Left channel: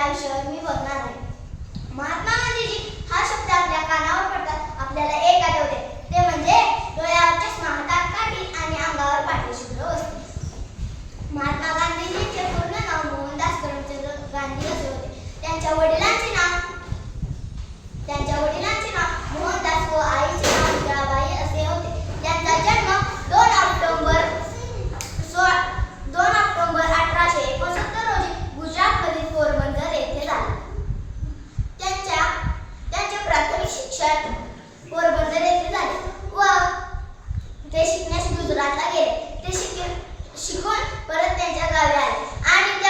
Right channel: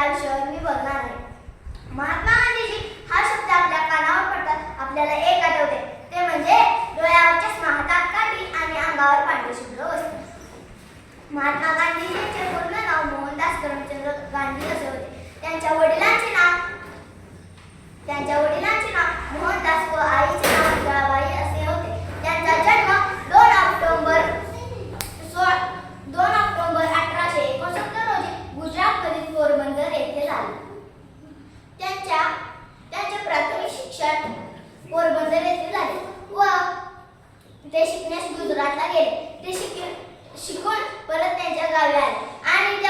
या विषयावर मी बोलणार आहे. महात्मा गांधीजी हा शब्द आपल्या कानावर पडतात आपल्याला एक आठवते, ते म्हणजे डोळ्यावर चष्मा, हातात काठी आणि अंगावर पांढरे शुभ्र वस्त्र. महात्मा गांधीजींचे पूर्ण नाव मोहनदास करमचंद गांधी असे होते. त्यांच्या वडिलांचे नाव मोहनदास व आईचे नाव मीराबाई असे होते. त्यांचा जन्म 2 ऑक्टोबर 1869 रोजी गुजरातमधील पोरबंदर येथे झाले. त्यांचे प्राथमिक शिक्षण पोरबंदर येथे झाले व ते शिकण्यास गुजरातला गेले. ते शिकून परत त्यांच्या गावी आले आणि